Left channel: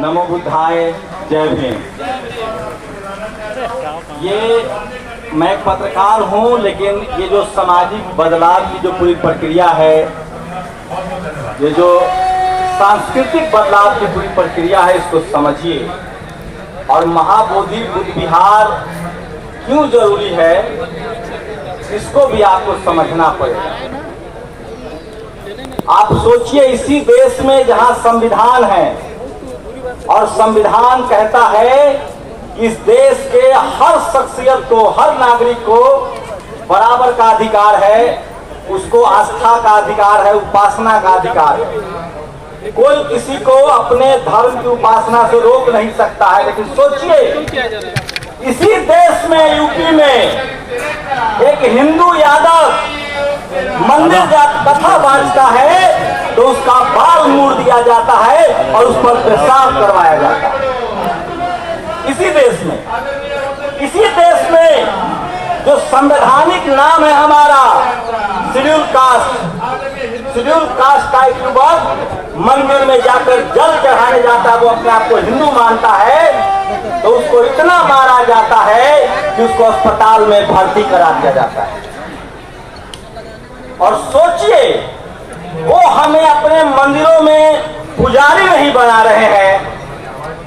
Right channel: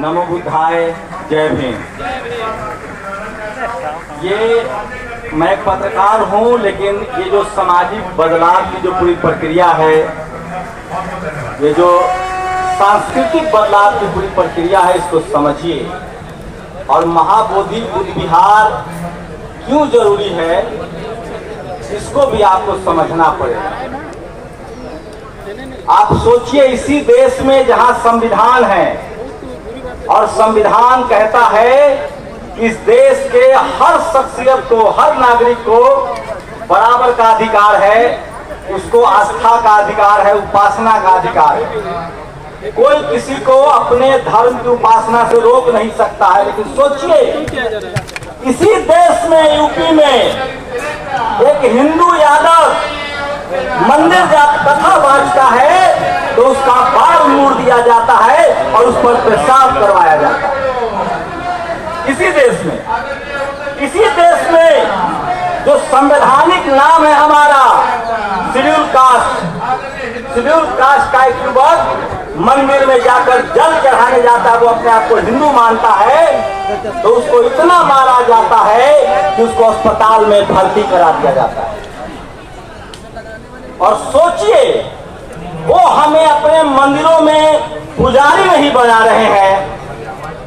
नमो बुद्धाय, जय भीम। ये मैं एक पत्रकार हूँ, लेकिन ये जो सामाजिक बदलाव की जो पूरी प्रक्रिया है, ये जो सांस्कृतिक बदलाव की पूरी प्रक्रिया है, इसको समझिए। और महाबोधि बुद्ध विहार क्यों जरूरी है, इसको भी आपको समझना पड़ेगा। आप सोचिए, इसी देश में जहां संविधान है और संविधान कहता है कि इस देश के हर शख्सियत को, हर नागरिक को बराबर का अधिकार है, उसको आस्था का अधिकार है, उपासना का अधिकार है। कोई किसी को अपने धर्म की उपासना से रोक नहीं सकता है। लेकिन सोचिए, इसी देश में, यूपी में, एक हिंदू यादव मंदिर कथा बांटता है तो उसका बाल मूड़ दिया जाता है और उस पर पेशाब करवाया जाता है। इसी देश में जो संवैधानिक नाम है हमारा शेड्यूल कास्ट का एक युवक मंदिर में जाकर जल चढ़ाने जाता है, वो अपने आप को हिंदू मानता है, तो उसको इतना मारा जाता है कि उसको अस्पताल में भर्ती करा दिया जाता है। और सोचिए, वो हमें अपने मंदिरों में पुजारी नहीं बना रहे हैं,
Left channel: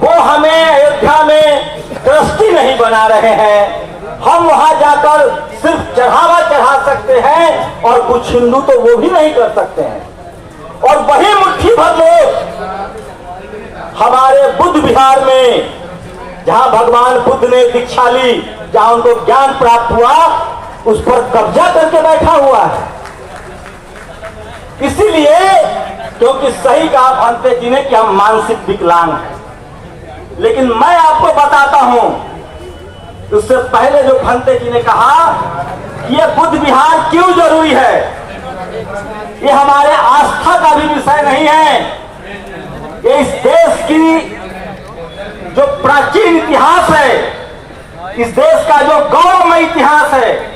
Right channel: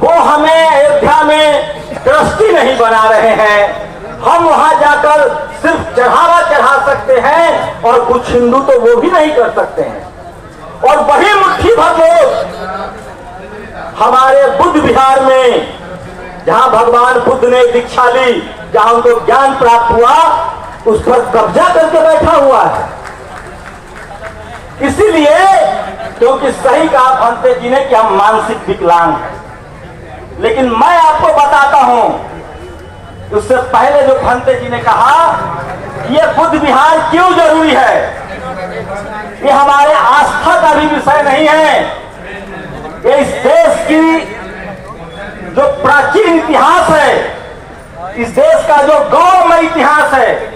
वो हमें अयोध्या में ट्रस्टी नहीं बना रहे हैं। हम वहां जाकर सिर्फ चढ़ावा चढ़ा सकते हैं और कुछ हिंदू तो वो भी नहीं कर सकते हैं। और वही मुट्ठी भर लोग हमारे बुद्ध विहार में, जहां भगवान बुद्ध ने दीक्षा ली, जहां उनको ज्ञान प्राप्त हुआ, उस पर कब्जा करके बैठा हुआ है। इसीलिए क्योंकि सही कहा भंते जी ने कि हम मानसिक विकलांग हैं। लेकिन मैं आपको बताता हूं, उससे पहले जो भंते जी ने कहा कि ये बुद्ध विहार क्यों जरूरी है, ये हमारे आस्था का भी विषय नहीं है। ये इस देश की जो प्राचीन इतिहास है, इस देश का जो गौरवमय इतिहास है,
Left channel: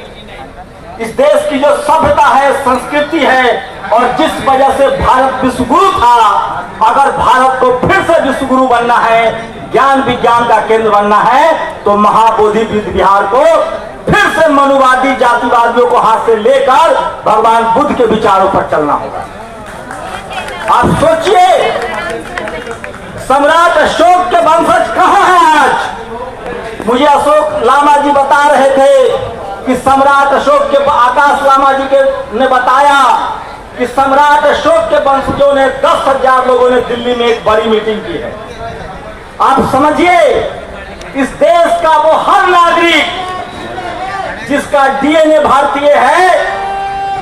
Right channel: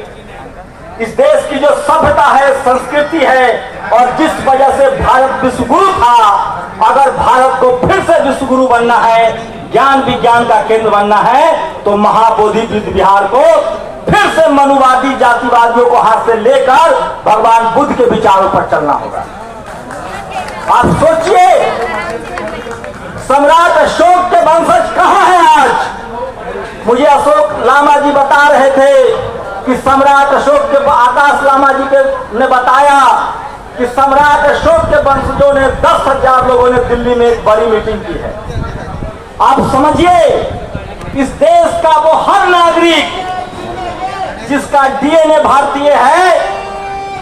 इस देश की जो सभ्यता है, संस्कृति है, और जिस वजह से भारत विश्वगुरु था, अगर भारत को फिर से विश्वगुरु बनना है, ज्ञान विज्ञान का केंद्र बनना है, तो महाबोधि बुद्ध विहार को फिर से मनुवादी जातिवादियों को हाथ से लेकर भगवान बुद्ध के विचारों पर चलना होगा। आप सोचिए, सम्राट अशोक के वंशज कहां हैं आज? मुझे अशोक लामा जी बता रहे थे कि सम्राट अशोक के, आकाश लामा जी ने बताया कि सम्राट अशोक के वंशजों ने 10,000 लोगों ने दिल्ली में एक बड़ी मीटिंग की है। आप समझिए, इस देश का वो हर नागरिक जिसका डीएनए भारतीय है,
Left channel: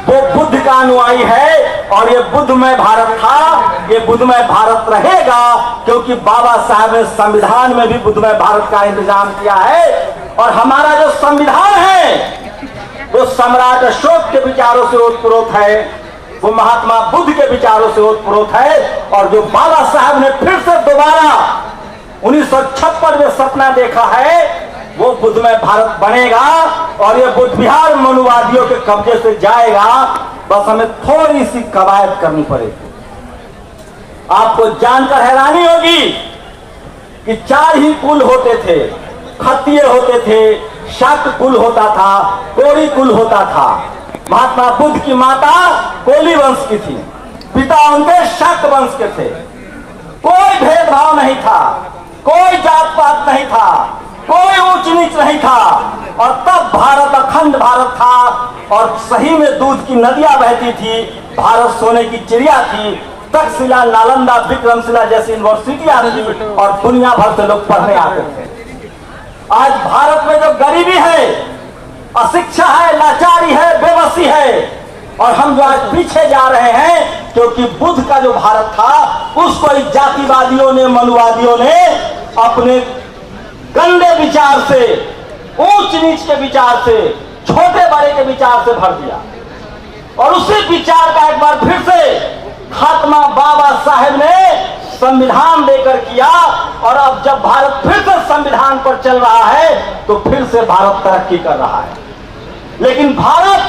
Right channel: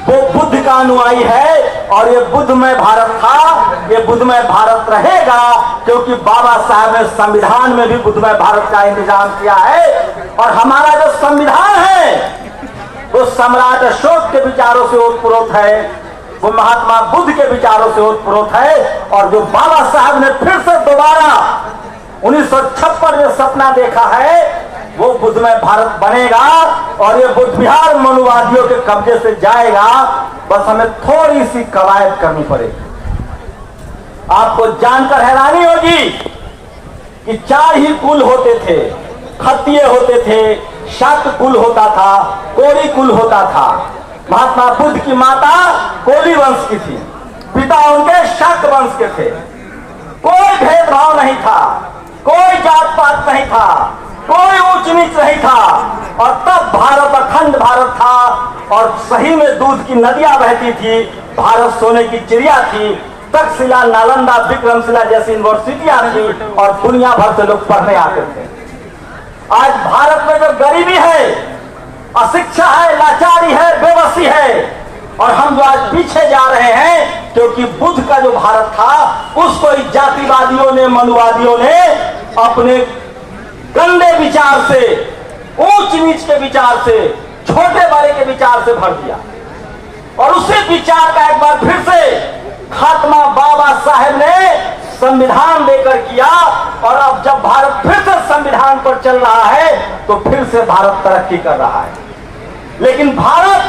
वो बुद्ध का अनुयायी है। और ये बुद्धमय भारत था, ये बुद्धमय भारत रहेगा, क्योंकि बाबा साहब ने संविधान में भी बुद्धमय भारत का इंतजाम किया है। और हमारा जो संविधान है वो सम्राट अशोक के विचारों से ओतप्रोत है, वो महात्मा बुद्ध के विचारों से ओतप्रोत है। और जो बाबा साहब ने फिर से दोबारा 1956 में सपना देखा है, वो बुद्धमय भारत बनेगा और ये बुद्ध विहार मनुवादियों के कब्जे से जाएगा। बस हमें थोड़ी सी कवायद करनी पड़ेगी। आपको जानकर हैरानी होगी कि 4 ही कुल होते थे, खत्तीय होते थे, शाक्त कुल होता था, कोरी कुल होता था। महात्मा बुद्ध की माता कोली वंश की थी, पिता उनके शाक्त वंश के थे। कोई भेदभाव नहीं था, कोई जात पात नहीं था, कोई ऊंच नीच नहीं था। और तब भारत अखंड भारत था और सही में दूध की नदियां बहती थी, भारत सोने की चिड़िया थी। तक्षशिला, नालंदा, विक्रमशिला जैसी यूनिवर्सिटियां थी और दुनिया भर से लोग पढ़ने आते थे। आज भारत में जो गरीबी है, अशिक्षा है, लाचारी है, बेबसी है, और हम जो आज पीछे जा रहे हैं, क्योंकि बुद्ध का जो भारत था उसको इस जातिवादियों ने, मनुवादियों ने अपने गंदे विचार से, ऊंच नीच के विचार से, छोटे बड़े के विचार से भर दिया। और उसी विचार का एक बार फिर से खात्मा बाबा साहेब ने संविधान देकर किया। और अब जब भारत फिर से संविधान पर चल रहा है, तो फिर से भारत तरक्की कर रहा है। लेकिन भारत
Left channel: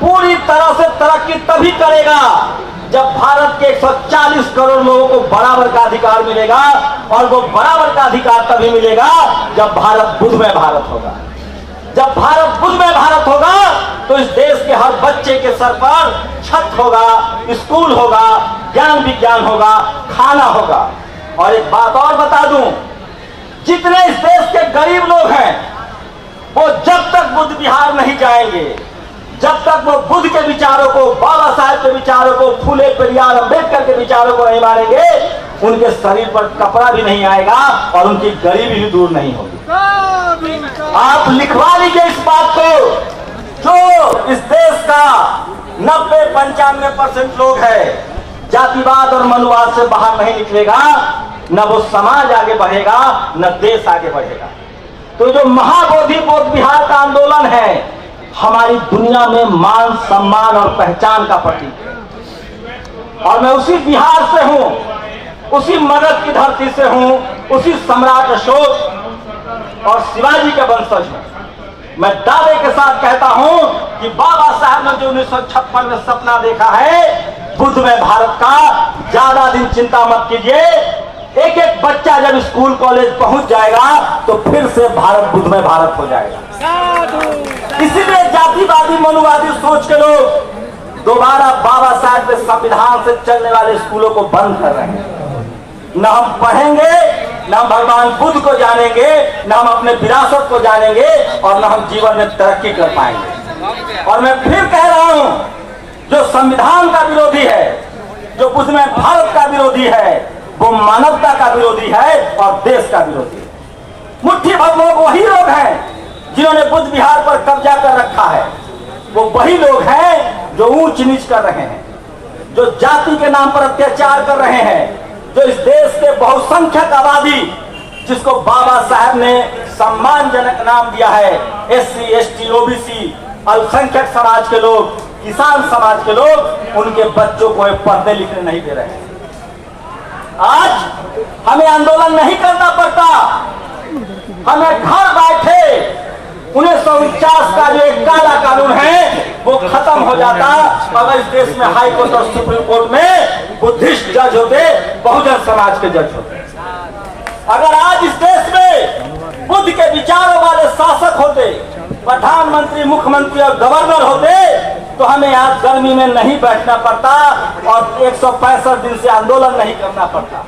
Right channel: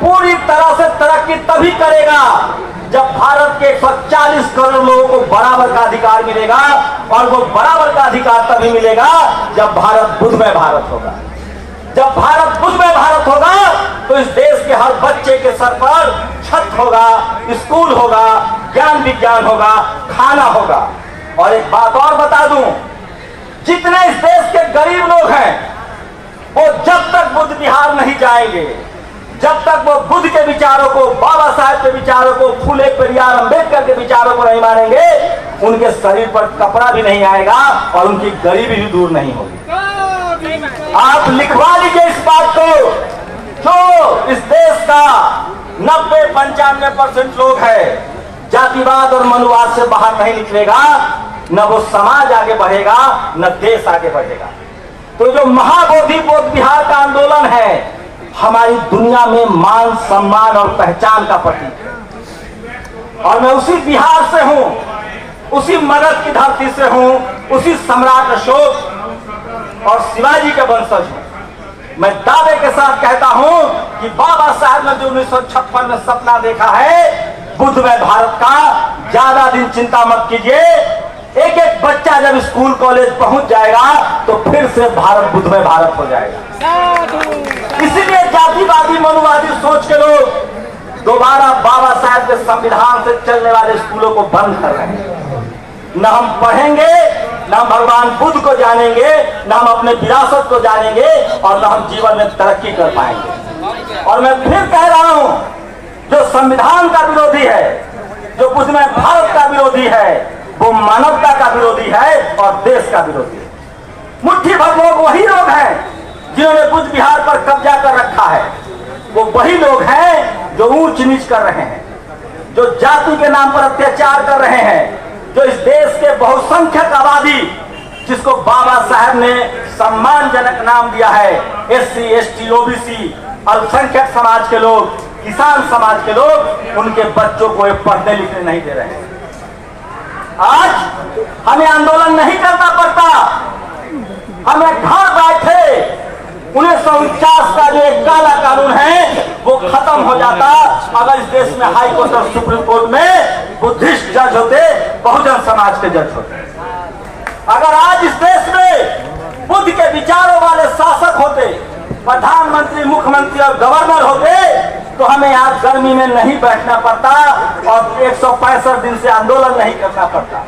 पूरी तरह से तरक्की तभी करेगा जब भारत के 140 करोड़ लोगों को बराबर का अधिकार मिलेगा, और वो बराबर का अधिकार तभी मिलेगा जब भारत बुद्धमय भारत होगा। जब भारत बुद्धमय भारत होगा तो इस देश के हर बच्चे के सर पर छत होगा, स्कूल होगा, ज्ञान विज्ञान होगा, खाना होगा। और एक बात और बता दूं, जितने इस देश के गरीब लोग हैं वो जब तक बुद्ध विहार नहीं जाएंगे, जब तक वो बुद्ध के विचारों को, बाबा साहब के विचारों को, फूले पेरियार अंबेडकर के विचारों को नहीं मानेंगे, उनके शरीर पर कपड़ा भी नहीं आएगा और उनकी गरीबी भी दूर नहीं होगी। आप लिखवा लीजिए इस बात को। जो इस देश का 90-95% लोग है जातिवाद और मनुवाद से बाहर नहीं निकलेगा, न वो समाज आगे बढ़ेगा, न देश आगे बढ़ेगा। तो जो महाबोधि बोध विहार का आंदोलन है हमारी दुनिया में मान सम्मान और पहचान का प्रतीक है। और मैं उसी बिहार से हूं, उसी मगध की धरती से हूं, उसी सम्राट अशोक और शिवाजी के वंशज हूं। मैं दावे के साथ कहता हूं कि बाबा साहब ने जो 1956 में सपना देखा है बुद्धमय भारत का, ज्यादा दिन चिंता मत कीजिए। एक एक बच्चा जब स्कूल कॉलेज पहुंच जाएगा तो फिर से भारत बुद्धमय भारत हो जाएगा। इसीलिए जातिवादी मनुवादी सोच के लोग दोबारा बाबा साहब के संविधान से चलने वाले स्कूलों को बंद कर रहे हैं। न हम पढ़ेंगे, न हम भगवान बुद्ध को जानेंगे, न हम अपने विरासत को जानेंगे, और न हम जीवन में तरक्की कर पाएंगे। और मैं फिर कह रहा हूं, जो संविधान का विरोधी है, जो बुद्धमय भारत का विरोधी है, वो मानवता का विरोधी है और देश का विरोधी है। मुट्ठी भर लोग वही लोग हैं जिन्होंने बुद्ध विहार पर कब्जा कर रखा है। वो वही लोग हैं जो ऊंच नीच कर रहे हैं, जो जाति के नाम पर अत्याचार कर रहे हैं, जो इस देश के बहुसंख्यक आबादी, जिसको बाबा साहब ने सम्मानजनक नाम दिया है, SC, ST, OBC, अल्पसंख्यक समाज के लोग, किसान समाज के लोग, उनके बच्चों को पढ़ने लिखने नहीं दे रहे हैं। आज हमें आंदोलन नहीं करना पड़ता, हमें घर बैठे 1949 का जो एक काला कानून है वो खत्म हो जाता अगर इस देश में हाई कोर्ट और सुप्रीम कोर्ट में बुद्धिस्ट जज होते, बहुजन समाज के जज होते। अगर आज इस देश में बुद्ध के विचारों वाले शासक होते, प्रधानमंत्री, मुख्यमंत्री और गवर्नर होते, तो हमें आज गर्मी में नहीं बैठना पड़ता और 165 दिन से आंदोलन नहीं करना पड़ता।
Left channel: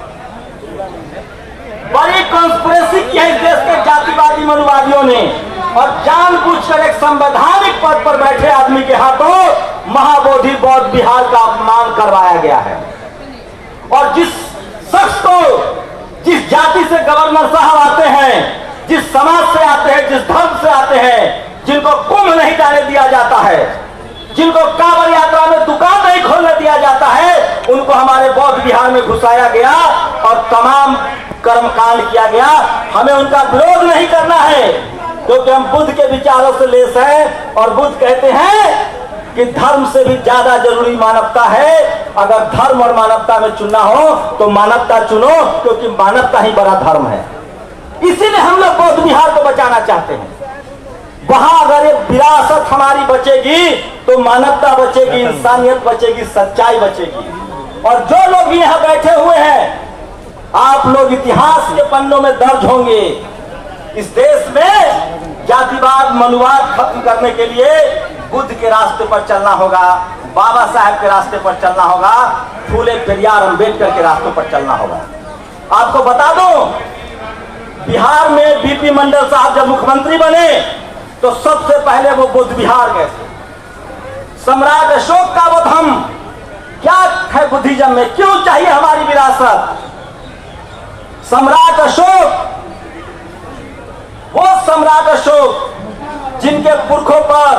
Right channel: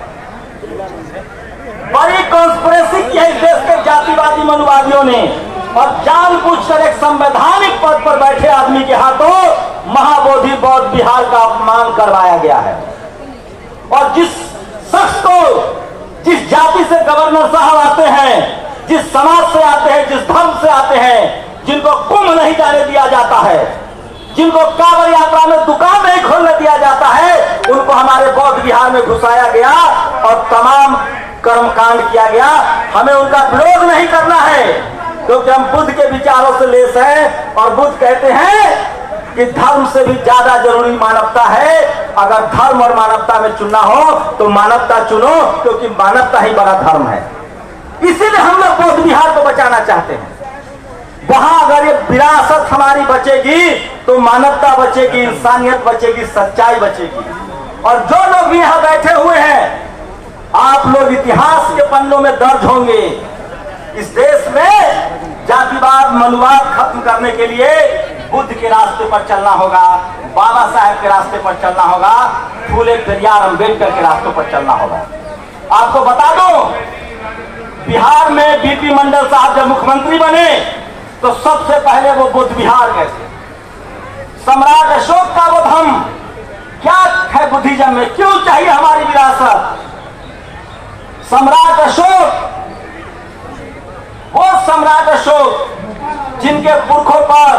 बड़ी कॉन्स्पिरेसी की है इस देश के जातिवादी मनुवादियों ने, और जानबूझकर एक संवैधानिक पद पर बैठे आदमी के हाथों महाबोधि बौद्ध विहार का अपमान करवाया गया है। और जिस शख्स को, जिस जाति से गवर्नर साहब आते हैं, जिस समाज से आते हैं, जिस धर्म से आते हैं, जिनको कुंभ नहीं जाने दिया जाता है, जिनको कांवड़ यात्रा में दुकान नहीं खोलने दिया जाता है, उनको हमारे बौद्ध विहार में घुसाया गया और तमाम कर्मकांड किया गया। हमें उनका विरोध नहीं करना है, क्योंकि हम बुद्ध के विचारों से लेस हैं। और बुद्ध कहते हैं कि धर्म से भी ज्यादा जरूरी मानवता है। अगर धर्म और मानवता में चुनना हो तो मानवता चुनो, क्योंकि मानवता ही बड़ा धर्म है। इसीलिए हम लोग बौद्ध विहार को बचाना चाहते हैं। वहां अगर ये विरासत हमारी बचेगी तो मानवता बचेगी, इंसानियत बचेगी, सच्चाई बचेगी। और जो लोग भी यहाँ बैठे हुए हैं, आप लोग इतिहास के पन्नों में दर्ज होंगे। इस देश में जातिवाद मनुवाद खत्म करने के लिए बुद्ध के रास्ते पर चलना होगा, बाबा साहब के रास्ते पर चलना होगा, फूले पेरियार अंबेडकर के रास्तों पर चलना होगा। आपको बता दूं, बिहार में बीपी मंडल साहब जब मुख्यमंत्री बने तो सबसे पहले वो बुद्ध विहार गए थे। सम्राट अशोक का वो धम्म क्या है बुद्धिज्म में, क्यों चाहिए हमारी विरासत। सम्राट अशोक, वो सम्राट अशोक जिनके पुरखों पर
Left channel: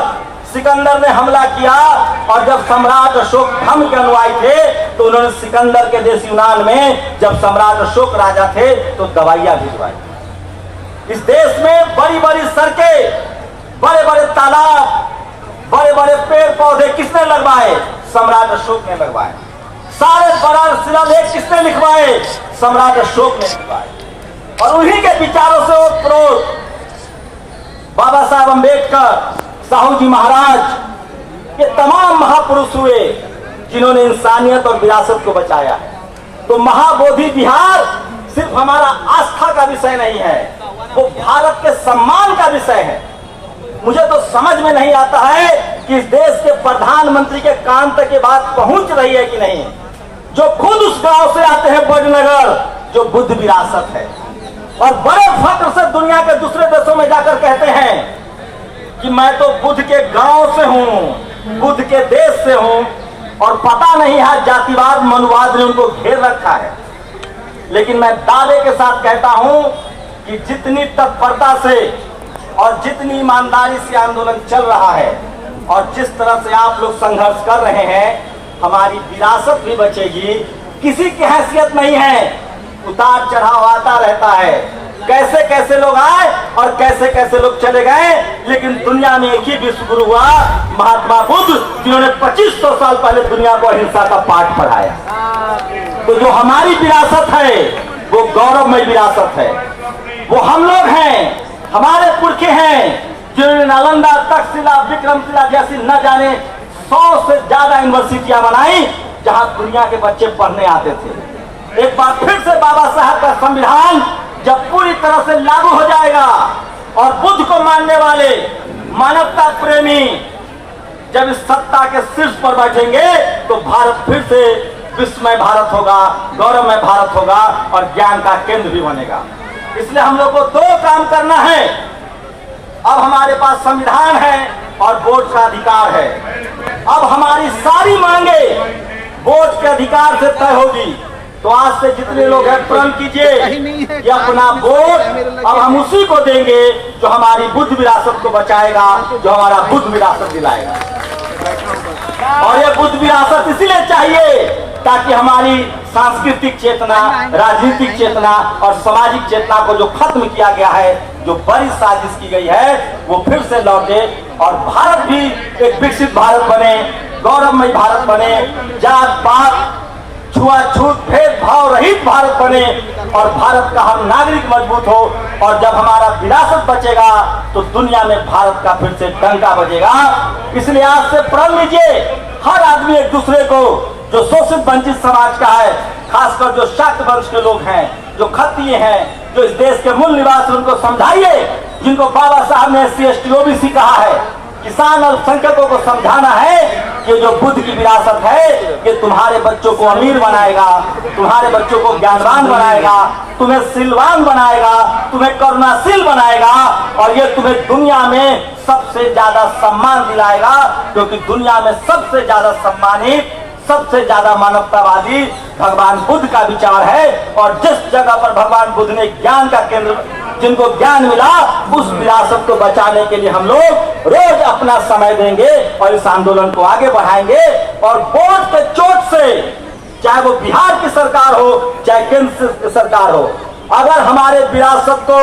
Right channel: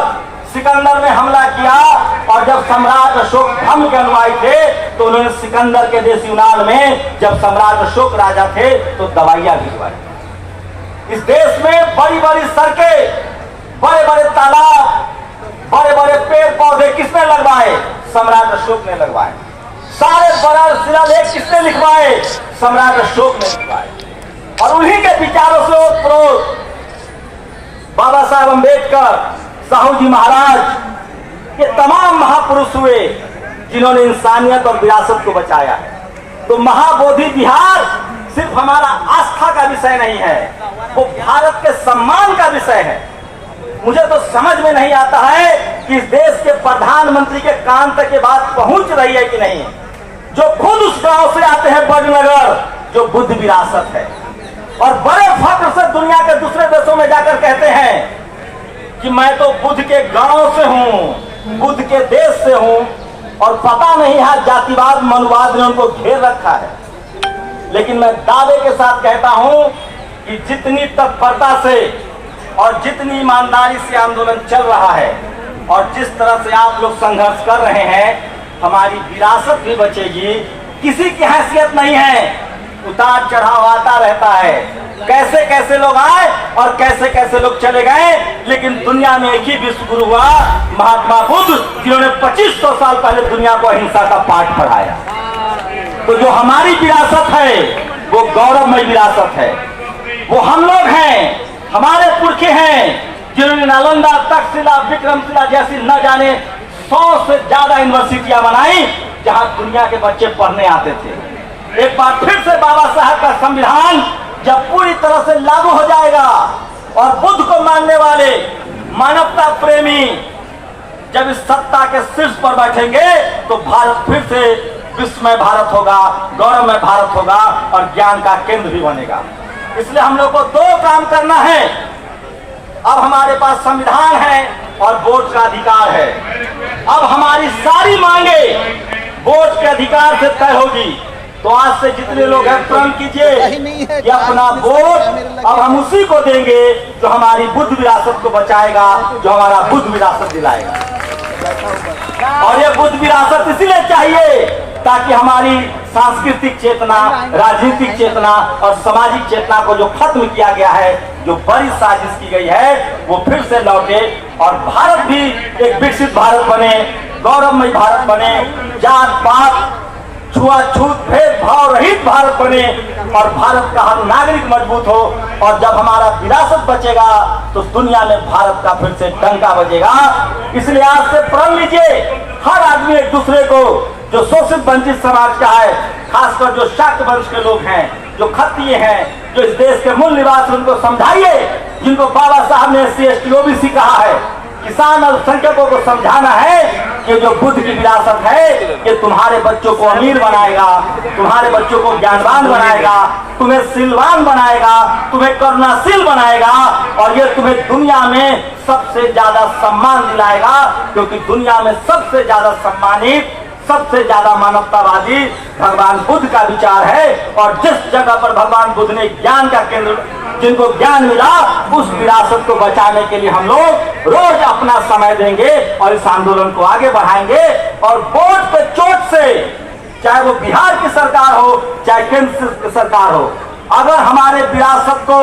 सिकंदर ने हमला किया, और जब सम्राट अशोक धर्म के अनुयायी थे तो उन्होंने सिकंदर के देश यूनान में जब सम्राट अशोक राजा थे तो दवाइयां भिजवाई। इस देश में बड़ी बड़ी सड़कें, बड़े बड़े तालाब, बड़े बड़े पेड़ पौधे किसने लगवाए? सम्राट अशोक ने लगवाए। सारे बड़ा शिलालेख किसने लिखवाए? सम्राट अशोक ने लिखवाए। और उन्हीं के विचारों से वो प्रोत बाबा साहब अंबेडकर, साहू जी महाराज, ये तमाम महापुरुष हुए। जिन्होंने इंसानियत और विरासत को बचाया है। तो महाबोधि विहार सिर्फ हमारा आस्था का विषय नहीं है, वो भारत के सम्मान का विषय है। मुझे तो समझ में नहीं आता है कि इस देश के प्रधानमंत्री के कान तक ये बात पहुंच रही है कि नहीं, जो खुद उस गांव से आते हैं बड़नगर, जो बुद्ध विरासत है, और बड़े फख्र से दुनिया के दूसरे देशों में जाकर कहते हैं कि मैं तो बुद्ध के गांव से हूं, बुद्ध के देश से हूं, और पता नहीं है जातिवाद मनुवाद ने उनको घेर रखा है। लेकिन मैं दावे के साथ कहता हूं कि जितनी तत्परता से और जितनी ईमानदारी से आंदोलन चल रहा है और जिस तरह से आप लोग संघर्ष कर रहे हैं, हमारी विरासत भी बचेगी। किसी की हैसियत नहीं है, उतार चढ़ाव आता रहता है, कैसे कैसे लोग आए और कैसे कैसे लोग चले गए, लेकिन दुनिया में एक ही विश्व गुरु हुआ, महात्मा बुद्ध, जिन्होंने 2500 साल पहले दुनिया को अहिंसा का पाठ पढ़ाया। तो जो हमारी विरासत है वो गौरवमय विरासत है, वो हम लोग हैं, हमारे पुरखे हैं जिन्होंने नालंदा, तक्षशिला, विक्रमशिला जैसी न जाने 100 से ज्यादा यूनिवर्सिटियां बनाई जहां दुनिया के बच्चे पढ़ने आते थे। एक बार फिर से बाबा साहब का संविधान जब पूरी तरह से लागू हो जाएगा और बुद्ध को मानने वाले मानवता प्रेमी जब इस सत्ता के शीर्ष पर बैठेंगे तो भारत फिर से विश्वमय भारत होगा, गौरवमय भारत होगा और ज्ञान का केंद्र भी बनेगा। इसलिए हम लोग को दो काम करना है। अब हमारे पास संविधान है और वोट का अधिकार है। अब हमारी सारी मांगे वोट के अधिकार से तय होगी। तो आज से जितने लोग हैं प्रण कीजिए कि अपना वोट अब हम उसी को देंगे जो हमारी बुद्ध विरासत को बचाएगा, जो हमारा बुद्ध विरासत दिलाएगा। और ये बुद्ध विरासत इसीलिए चाहिए ताकि हमारी सांस्कृतिक चेतना, राजनीतिक चेतना और सामाजिक चेतना को जो खत्म किया गया है, जो बड़ी साजिश की गई है, वो फिर से लौटे और भारत भी एक विकसित भारत बने, गौरवमय भारत बने, जात पात छुआछूत भेदभाव रहित भारत बने और भारत का हर नागरिक मजबूत हो। और जब हमारा विरासत बचेगा तो दुनिया में भारत का फिर से डंका बजेगा। इसलिए आज से प्रण लीजिए, हर आदमी एक दूसरे को, जो शोषित वंचित समाज का है, खासकर जो शाक्त वंश के लोग हैं, जो क्षत्रिय हैं, जो इस देश के मूल निवासी, उनको समझाइए, जिनको बाबा साहब ने SC ST OBC कहा है। किसान अल्पसंख्यकों को समझाना है कि जो बुद्ध की विरासत है ये तुम्हारे बच्चों को अमीर बनाएगा, तुम्हारे बच्चों को ज्ञानवान बनाएगा, तुम्हें सिलवान बनाएगा, तुम्हें करुणाशील बनाएगा और ये तुम्हें दुनिया में सबसे ज्यादा सम्मान दिलाएगा। क्योंकि दुनिया में सबसे ज्यादा सम्मानित, सबसे ज्यादा मानवतावादी भगवान बुद्ध का विचार है। और जिस जगह पर भगवान बुद्ध ने ज्ञान का केंद्र, जिनको ज्ञान मिला, उस विरासत को बचाने के लिए हम लोग रोज अपना समय देंगे और इस आंदोलन को आगे बढ़ाएंगे। और वोट के चोट से, चाहे वो बिहार की सरकार हो चाहे केंद्र की सरकार हो, अगर हमारे विरासत को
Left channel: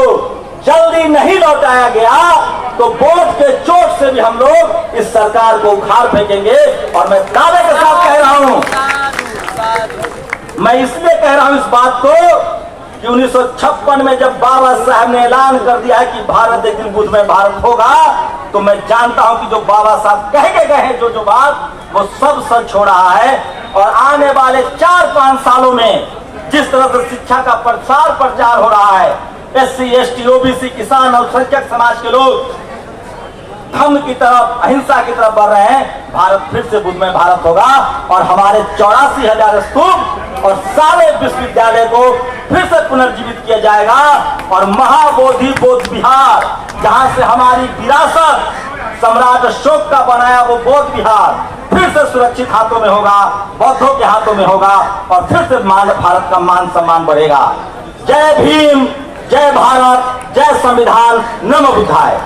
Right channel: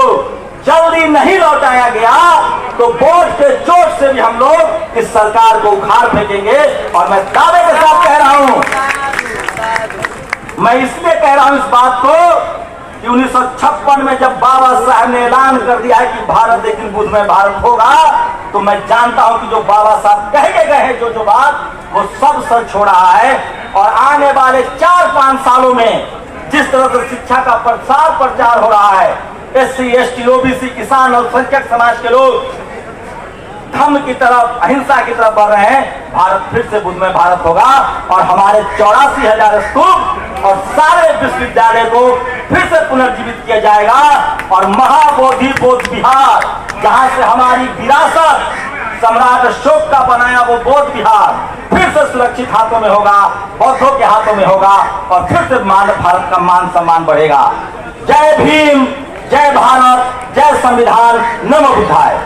जल्दी नहीं लौटाया गया तो वोट के चोट से भी हम लोग इस सरकार को उखाड़ फेंकेंगे। और मैं दावे के साथ कह रहा हूं, मैं इसलिए कह रहा हूं इस बात को कि 1956 में जब बाबा साहब ने ऐलान कर दिया है कि भारत एक दिन बुद्धमय भारत होगा, तो मैं जानता हूं कि जो बाबा साहब कह के गए हैं जो बात, वो सब सच हो रहा है। और आने वाले 4-5 सालों में जिस तरह से शिक्षा का प्रसार प्रचार हो रहा है, SC ST OBC किसान अल्पसंख्यक समाज के लोग धर्म की तरफ, अहिंसा की तरफ बढ़ रहे हैं, भारत फिर से बुद्धमय भारत होगा। और हमारे 84,000 स्तूप और सारे विश्वविद्यालय को फिर से पुनर्जीवित किया जाएगा। और महाबोधि बौद्ध विहार, जहां से हमारी विरासत सम्राट अशोक का बनाया वो बौद्ध विहार फिर से सुरक्षित हाथों में होगा, बौद्धों के हाथों में होगा और फिर से भारत का मान सम्मान बढ़ेगा। जय भीम, जय भारत, जय संविधान, नमो बुद्धाय।